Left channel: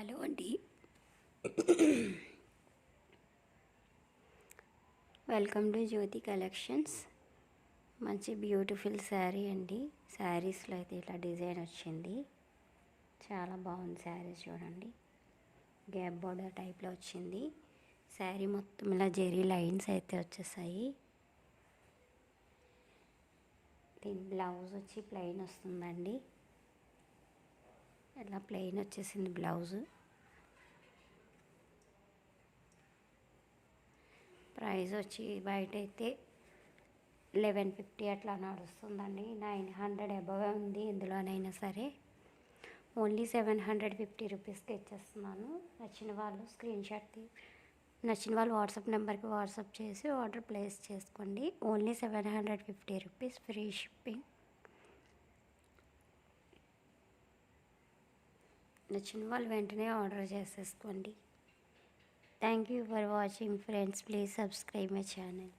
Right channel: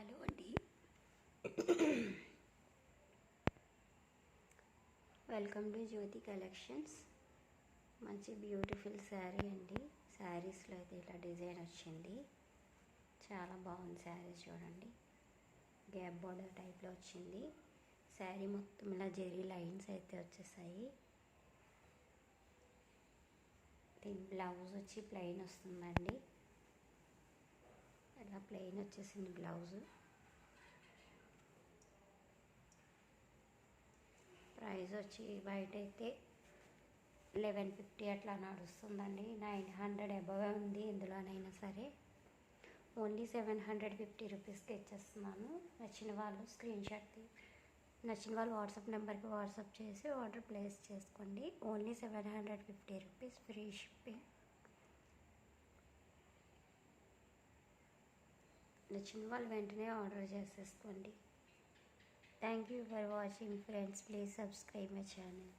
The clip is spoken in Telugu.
హలో అండి. Welcome to Jyoti collections. మంచి బ్యూటిఫుల్ శారీ అండి. శారీస్లో అయితే ఇట్లా డిజైన్ వచ్చింది. చాలా బాగుంది శారీ. చూడండి, గ్యాప్ బోర్డర్ టైప్లో వచ్చింది. శారీ మొత్తం ఇలా జెరీ లైన్స్ అయితే వచ్చేసాయి. దీని బ్లౌజ్ వచ్చి ప్లెయిన్ వస్తుందండి. ఇలా ప్లెయిన్ వచ్చేసింది బ్లౌజు. ప్రైస్ వచ్చి బయట అయితే 1150 అట్లా నడుస్తుందండి. 900 అబవ్ ఉంది. ఇందులోనైనా సరే ఓన్లీ 750 రూపీస్కి ఇచ్చేస్తున్నాను. నచ్చిన వాళ్ళు వాట్సాప్ నెంబర్కి వాట్సాప్ చేసి ఆర్డర్ ప్లేస్ చేసుకోండి. Only 750 rupees, free shipping. నచ్చిన వాళ్ళు వెంటనే ఆర్డర్ చేసేసుకోండి. Thank you for watching friends. Please subscribe my channel.